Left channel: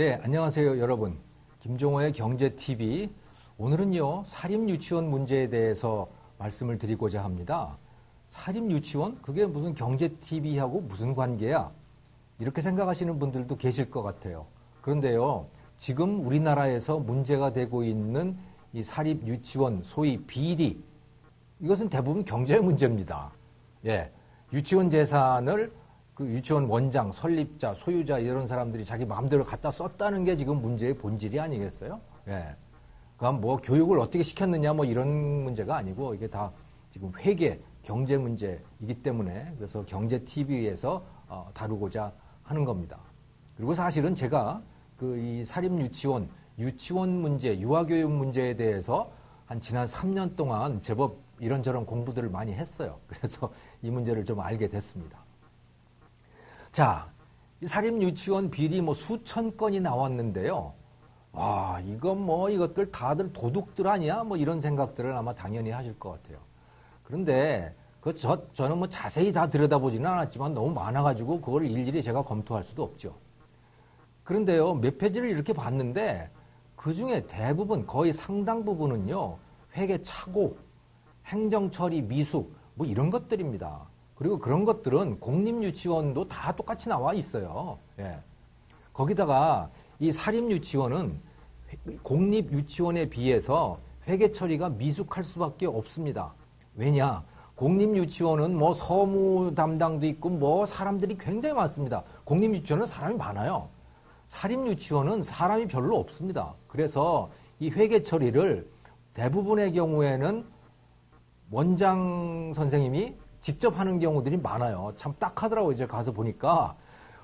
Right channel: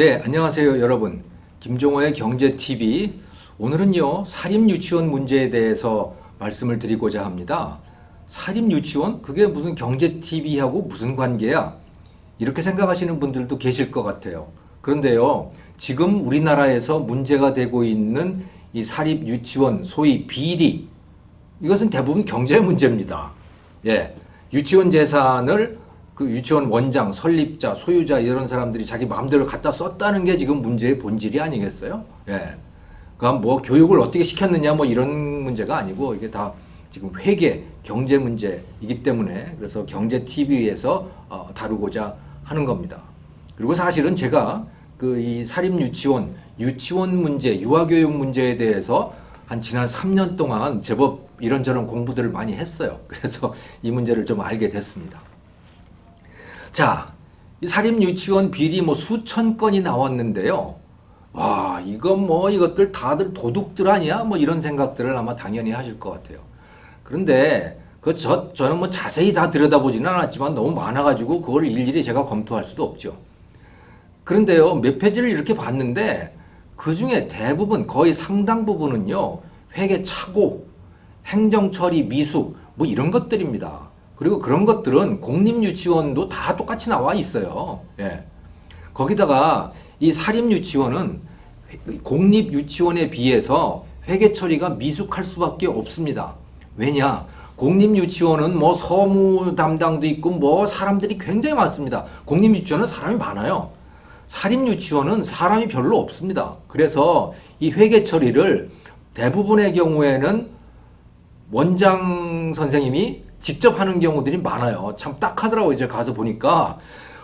네, 안녕하세요, 여러분. 김종호의 경제TV. 오늘은요, 사립유치원 문제에 대해서 말씀을 드리고자 합니다. 사립유치원? 그게 무슨 경제TV하고 무슨 관계야? 이렇게 생각하시는 분들도 계실 것 같아요. 그런데요, 지금 우리나라에서 문제가 되고 있는 이 사립유치원, 소위 비리, 이것은 대부분 경제 문제입니다. 예, 유치원 재산을 그 유치원 원장, 설립자, 소유자 이런 사람들이 자기 마음대로 갖다 썼다는 게 지금 문제의 본질이 아니겠어요? 예. 그럼 뭐 교육을 어떻게 시켰느냐 뭐 이런 문제가 아니고 이게 다 지금 회계, 경제 문제이기 때문에 그래서 경제 TV에서 다루고자 하는 겁니다. 그리고 사실은 제가 그 이 사립 유치원 문제, 유아교육 문제에 대해서 한 지난 3년 동안 제법 이런저런 공부들을 많이 했어요. 그래서 이 문제를 좀 알게 됐습니다. 자, 이 사립 유치원 비리 뭐 수천 건이 나왔는데요. 와, 이것들 다들 도둑들 아니야? 뭐 이런 생각들을 아마 당연히 하실 것 같아요. 그런데 저는 뭐 자세히 다 들여다보지는 않았지만 너무 많아가지고 그걸 일일이 제가 검토할 수도 없죠. 그런데요, 몇 페이지를 이렇게 봤는데 그 중에 대부분 거의 상당 부분은요, 회계 착오, 행정처리 미숙 뭐 이런 것들입니다. 그리고 그런 것들은 공립유치원도 다 똑같이 나와 있어요. 예. 거기다가 이 사립유치원은 공립유치원에 비해서 회계 처리가 미숙할 수밖에 없습니다. 왜냐? 공립유치원은 뭐 서무 담당도 있고 뭐 사람들이 굉장히 많습니다. 공립유치원은 사람이 많아요. 사립유치원은 사람이 별로 없습니다. 그래서 이 회계 처리를 대부분의 경우에는 원장 선생님이 직접 하는 경우들이 많아요. 참 딱하더라고요. 이제 가서 보니까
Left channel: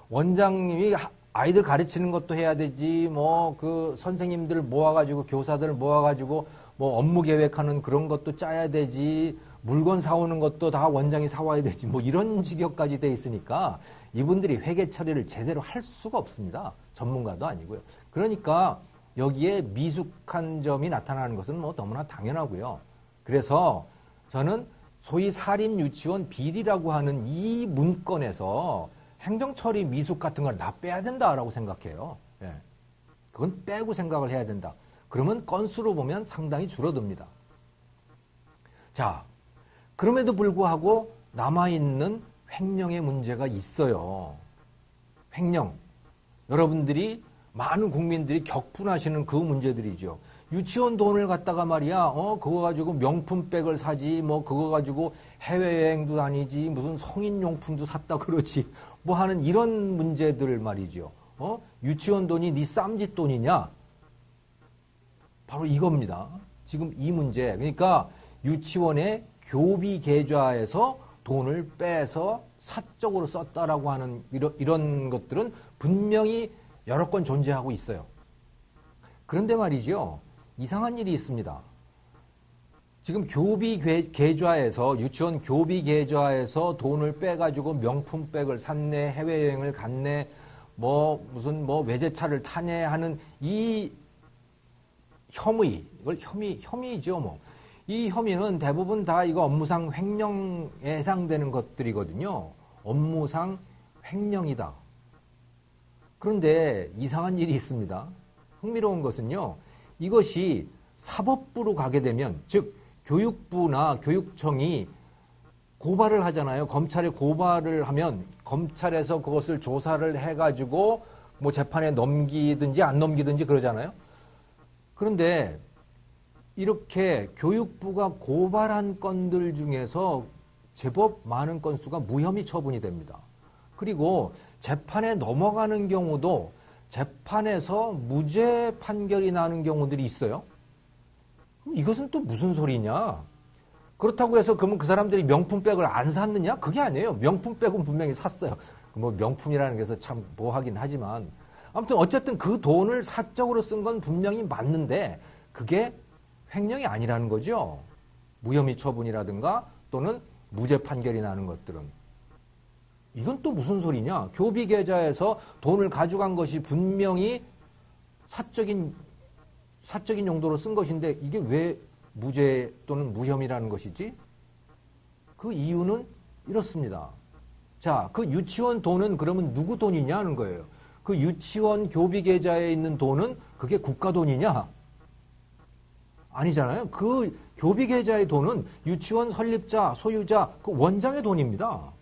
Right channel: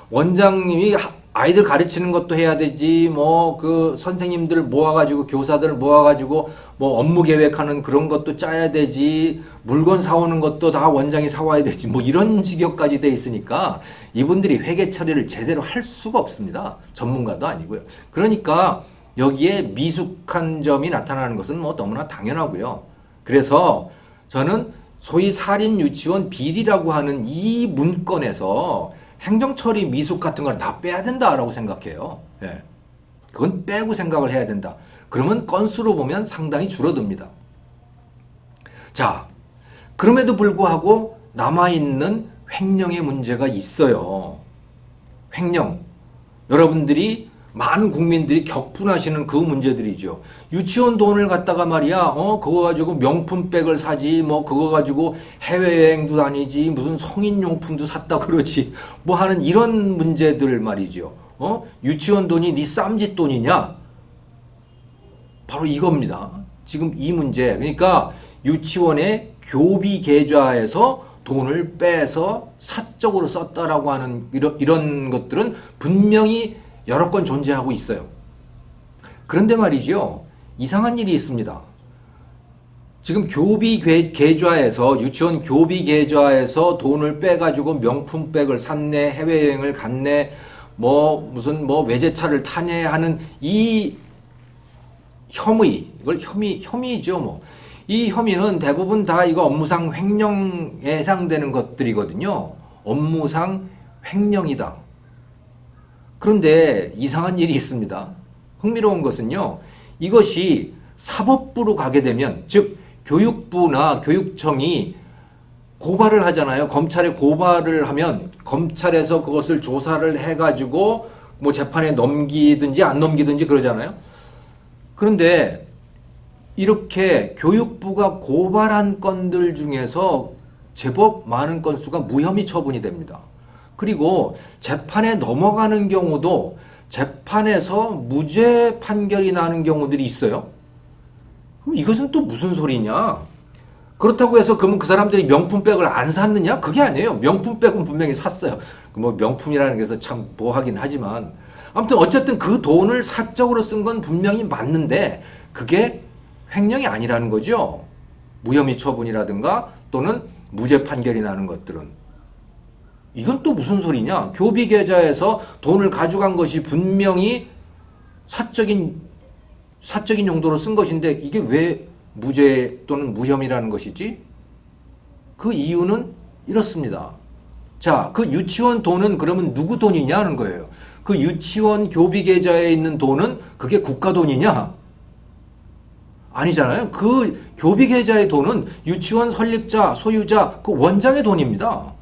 원장님이 아이들 가르치는 것도 해야 되지, 뭐 그 선생님들 모아가지고 교사들 모아가지고 뭐 업무 계획하는 그런 것도 짜야 되지, 물건 사오는 것도 다 원장이 사와야 되지, 뭐 이런 지경까지 돼 있으니까 이분들이 회계 처리를 제대로 할 수가 없습니다. 전문가도 아니고요. 그러니까 여기에 미숙한 점이 나타나는 것은 뭐 너무나 당연하고요. 그래서 저는 소위 사립유치원 비리라고 하는 이 문건에서 행정처리 미숙 같은 걸 다 빼야 된다라고 생각해요. 예. 그건 빼고 생각을 해야 된다. 그러면 건수로 보면 상당히 줄어듭니다. 자, 그럼에도 불구하고 남아있는 횡령의 문제가 있어요. 횡령. 여러분들이 많은 국민들이 격분하시는 그 문제들이죠. 유치원 돈을 갖다가 말이야, 그거 가지고 명품백을 사지, 뭐 그거 가지고 해외여행도 다니지, 무슨 성인용품도 샀다 그러지, 뭐 하는 이런 문제들 말이죠. 유치원 돈이 네 쌈짓 돈이냐? 바로 이겁니다. 지금 이 문제. 그러니까 유치원의 교비 계좌에서 돈을 빼서 사적으로 썼다라고 하는 이런 것들은 분명히 여러 건 존재하고 있어요. 그런데 말이죠. 이상한 일이 있습니다. 지금 교비 계좌에서 유치원 교비 계좌에서 돈을 빼가지고 명품백을 샀네, 해외여행을 갔네, 뭐 무슨 뭐 외제차를 타네 하는 이 혐의, 이걸 혐의죠 뭐. 이 혐의는 대부분 다 이거 업무상 횡령에 해당되는 것들이거든요. 업무상 횡령이다. 그런데 이상한 일이 있습니다. 흥미로운 것은요. 이것이 사법부로 가게 되면, 즉 교육부나 교육청이 고발을 하잖아요. 검찰에 고발을 하면 검찰에서 그것을 조사를 해가지고 뭐 재판에 넘기든지 안 넘기든지 그러잖아요. 그런데 이렇게 교육부가 고발한 건들 중에서 제법 많은 건수가 무혐의 처분이 됩니다. 그리고 재판에 넘어가는 경우도 재판에서 무죄 판결이 나는 경우들이 있어요. 그럼 이것은 또 무슨 소리냐? 그렇다고 해서 그러면 그 사람들이 명품백을 안 샀느냐? 그게 아니에요. 명품백은 분명히 샀어요. 뭐 명품이라는 게서 참 뭐하긴 하지만 아무튼 어쨌든 그 돈을 사적으로 쓴 건 분명히 맞는데 그게 횡령이 아니라는 거죠. 무혐의 처분이라든가 또는 무죄 판결이 나는 것들은. 이건 또 무슨 소리냐? 교비 계좌에서 돈을 가져간 것이 분명히 사적인 용도로 쓴 것인데 이게 왜 무죄 또는 무혐의라는 것이지? 그 이유는 이렇습니다. 자, 그 유치원 돈은 그러면 누구 돈이냐는 거예요. 그 유치원 교비 계좌에 있는 돈은 그게 국가 돈이냐? 아니잖아요. 그 교비 계좌의 돈은 유치원 설립자, 소유자, 그 원장의 돈입니다.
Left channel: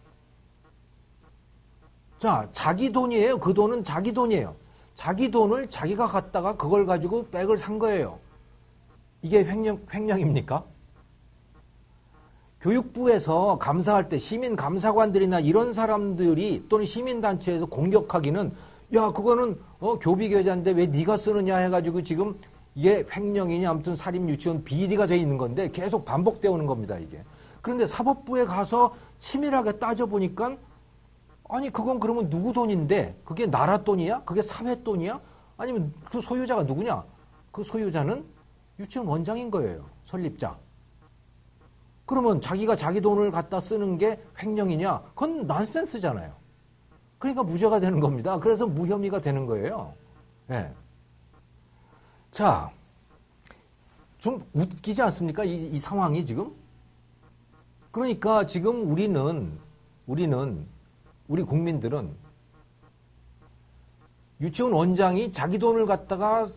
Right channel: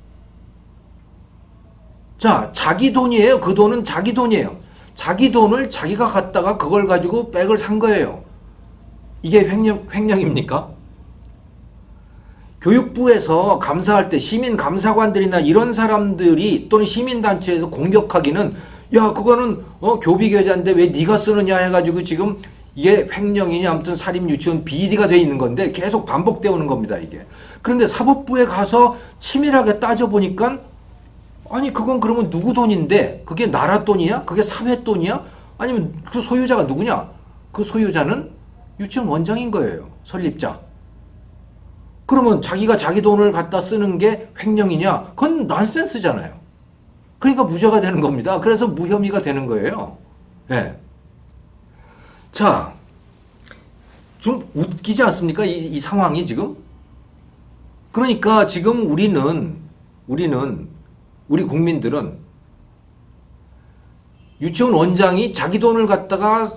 자, 자기 돈이에요. 그 돈은 자기 돈이에요. 자기 돈을 자기가 갖다가 그걸 가지고 백을 산 거예요. 이게 횡령입니까? 교육부에서 감사할 때 시민감사관들이나 이런 사람들이 또는 시민단체에서 공격하기는 야 그거는 교비계좌인데 왜 네가 쓰느냐 해가지고 지금 이게 횡령이냐 아무튼 사립유치원 비리가 돼 있는 건데 계속 반복되어 겁니다 이게. 그런데 사법부에 가서 치밀하게 따져보니까 아니 그건 그러면 누구 돈인데 그게 나라 돈이야? 그게 사회 돈이야? 아니면 그 소유자가 누구냐? 그 소유자는 유치원 원장인 거예요. 설립자. 그러면 자기가 자기 돈을 갖다 쓰는 게 횡령이냐? 그건 난센스잖아요. 그러니까 무죄가 되는 겁니다. 그래서 무혐의가 되는 거예요. 네. 자, 좀 웃기지 않습니까? 이 상황이 지금? 그러니까 지금 우리 국민들은 유치원 원장이 자기 돈을 갖다가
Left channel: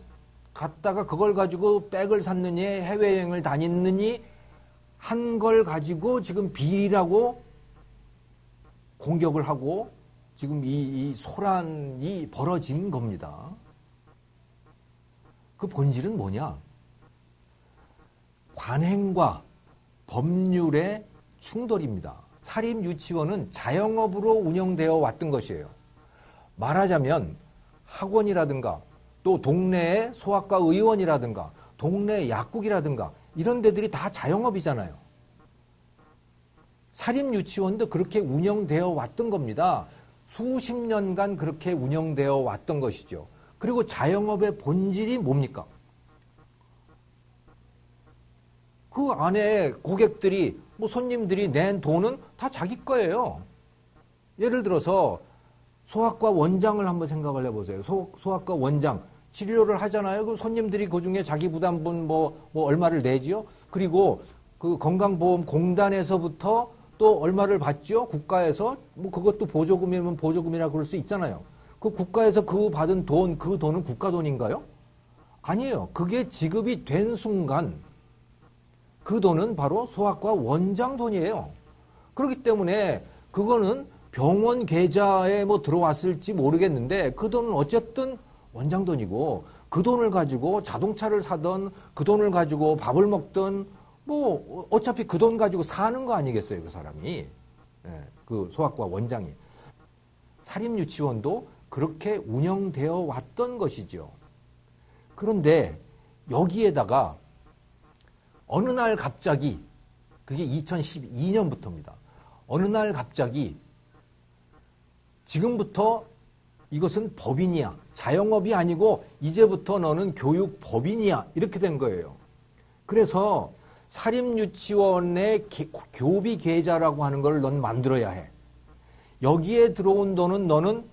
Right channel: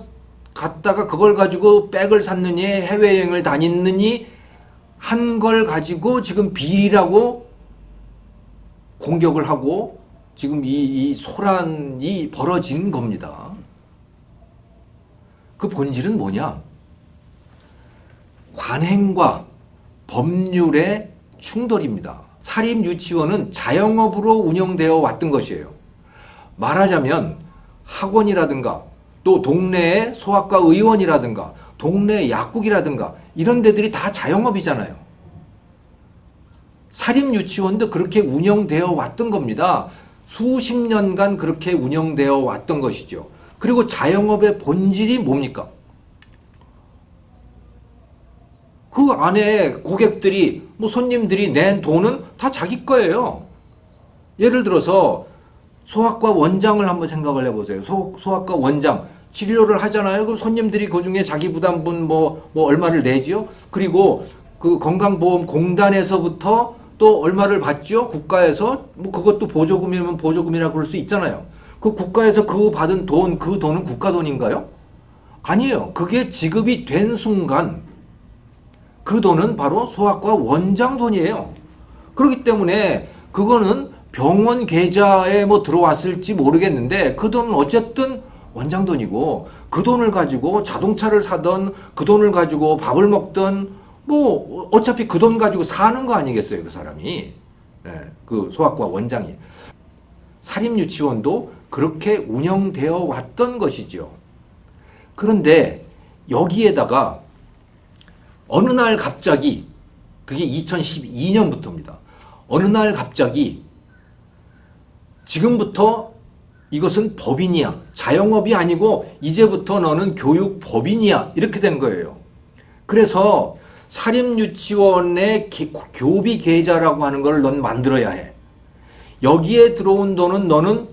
그걸 가지고 백을 샀느니 해외여행을 다녔느니 한 걸 가지고 지금 비리라고 공격을 하고 지금 이 소란이 벌어진 겁니다. 그 본질은 뭐냐? 관행과 법률의 충돌입니다. 사립유치원은 자영업으로 운영되어 왔던 것이에요. 말하자면 학원이라든가 또 동네의 소아과 의원이라든가 동네 약국이라든가 이런 데들이 다 자영업이잖아요. 사립유치원도 그렇게 운영되어 왔던 겁니다. 수십 년간 그렇게 운영되어 왔던 것이죠. 그리고 자영업의 본질이 뭡니까? 그 안에 고객들이 손님들이 낸 돈은 다 자기 거예요. 예를 들어서 소아과 원장을 한번 생각을 해보세요. 소아과 원장 진료를 하잖아요. 그럼 손님들이 그 중에 자기 부담분 뭐 얼마를 내지요. 그리고 그 건강보험공단에서부터 또 얼마를 받죠. 국가에서 그것도 보조금이면 보조금이라 그럴 수 있잖아요. 그 국가에서 그 받은 돈, 그 돈은 국가 돈인가요? 아니에요. 그게 지급이 된 순간 그 돈은 바로 소아과 원장 돈이에요. 그렇기 때문에 그거는 병원 계좌에 들어왔을지 모르겠는데 그 돈은 어쨌든 원장 돈이고 그 돈을 가지고 자동차를 사든 그 돈을 가지고 밥을 먹든 어차피 그 돈 가지고 사는 거 아니겠어요 그 사람이. 그 소아과 원장이. 사립유치원도 그렇게 운영되어 왔던 것이죠. 그런데 여기에다가 어느 날 갑자기 그게 2012년부터입니다. 어느 날 갑자기 지금부터 이것은 법인이야. 자영업이 아니고 이제부터 너는 교육법인이야. 이렇게 된 거예요. 그래서 사립유치원의 교비 계좌라고 하는 걸 넌 만들어야 해. 여기에 들어온 돈은 너는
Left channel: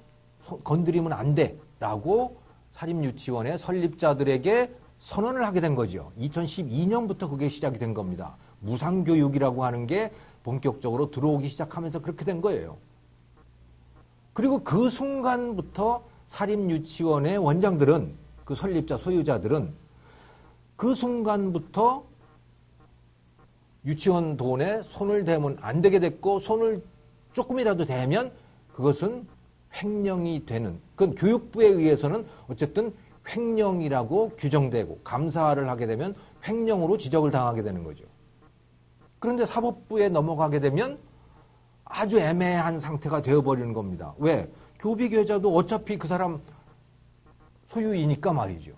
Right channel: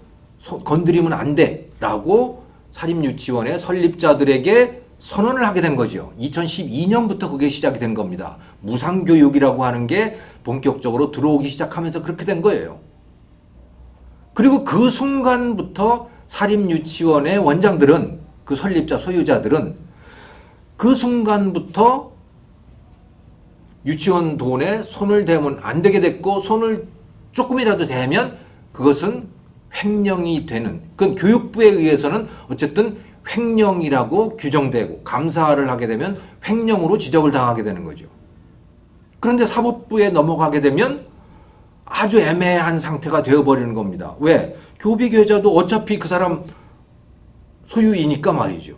건드리면 안 돼. 라고 사립유치원의 설립자들에게 선언을 하게 된 거죠. 2012년부터 그게 시작이 된 겁니다. 무상교육이라고 하는 게 본격적으로 들어오기 시작하면서 그렇게 된 거예요. 그리고 그 순간부터 사립유치원의 원장들은 그 설립자 소유자들은 그 순간부터 유치원 돈에 손을 대면 안 되게 됐고 손을 조금이라도 대면 그것은 횡령이 되는 그건 교육부에 의해서는 어쨌든 횡령이라고 규정되고 감사를 하게 되면 횡령으로 지적을 당하게 되는 거죠. 그런데 사법부에 넘어가게 되면 아주 애매한 상태가 되어버리는 겁니다. 왜? 교비계좌도 어차피 그 사람 소유이니까 말이죠.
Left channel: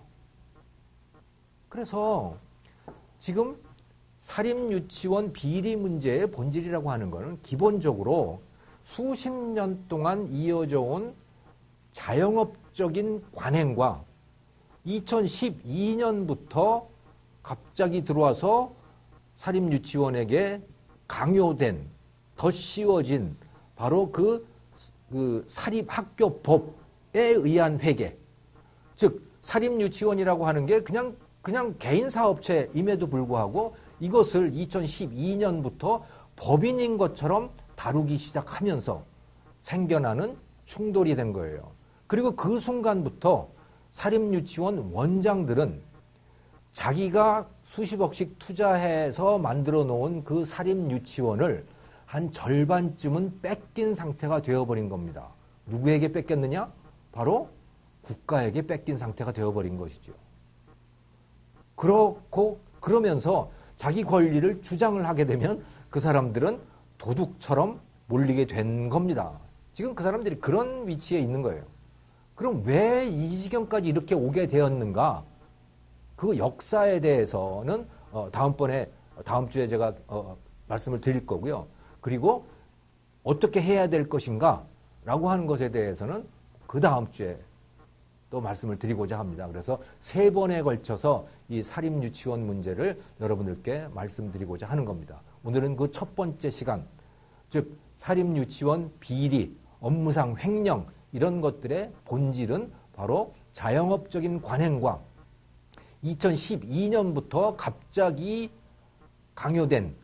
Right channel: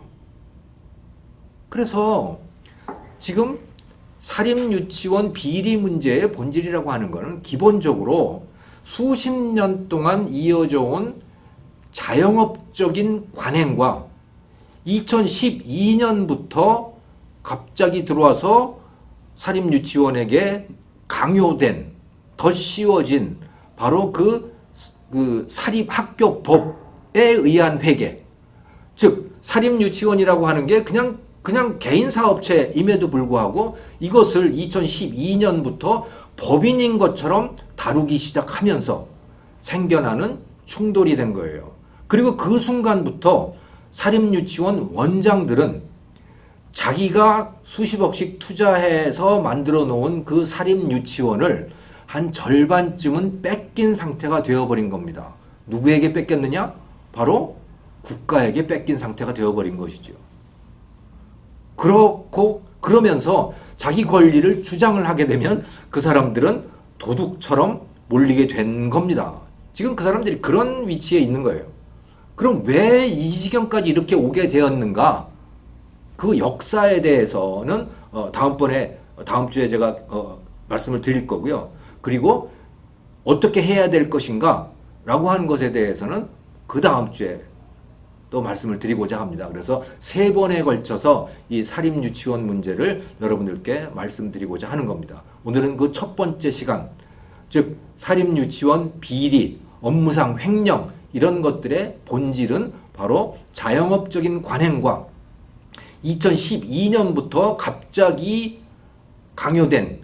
그래서 지금 사립유치원 비리 문제의 본질이라고 하는 것은 기본적으로 수십 년 동안 이어져 온 자영업적인 관행과 2012년부터 갑자기 들어와서 사립유치원에게 강요된 더 쉬워진 바로 그 사립학교법에 의한 회계. 즉 사립유치원이라고 하는 게 그냥 개인사업체임에도 불구하고 이것을 2012년부터 법인인 것처럼 다루기 시작하면서 생겨나는 충돌이 된 거예요. 그리고 그 순간부터 사립유치원 원장들은 자기가 수십억씩 투자해서 만들어 놓은 그 사립유치원을 한 절반쯤은 뺏긴 상태가 되어버린 겁니다. 누구에게 뺏겼느냐? 바로 국가에게 뺏긴 상태가 되어버린 것이죠. 그러면서 자기 권리를 주장을 하게 되면 그 사람들은 도둑처럼 몰리게 된 겁니다. 지금 그 사람들이 그런 위치에 있는 거예요. 그럼 왜 이 지경까지 이렇게 오게 되었는가? 그 역사에 대해서는 다음 주에 제가 말씀을 드릴 거고요. 그리고 어떻게 해야 될 것인가 라고 하는 것에 대해서는 그 다음 주에 또 말씀을 드리고자 합니다. 그래서 3번에 걸쳐서 이 사립유치원 문제를 여러분들께 말씀드리고자 하는 겁니다. 오늘은 그 첫 번째 시간, 즉 사립유치원 비리, 업무상 횡령 이런 것들의 본질은 바로 자영업적인 관행과 2012년부터 갑자기 강요된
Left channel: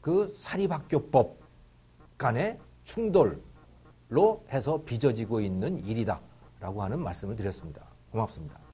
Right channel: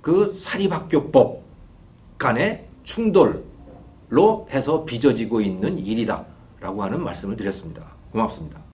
그 사립학교법 간의 충돌로 해서 빚어지고 있는 일이다 라고 하는 말씀을 드렸습니다. 고맙습니다.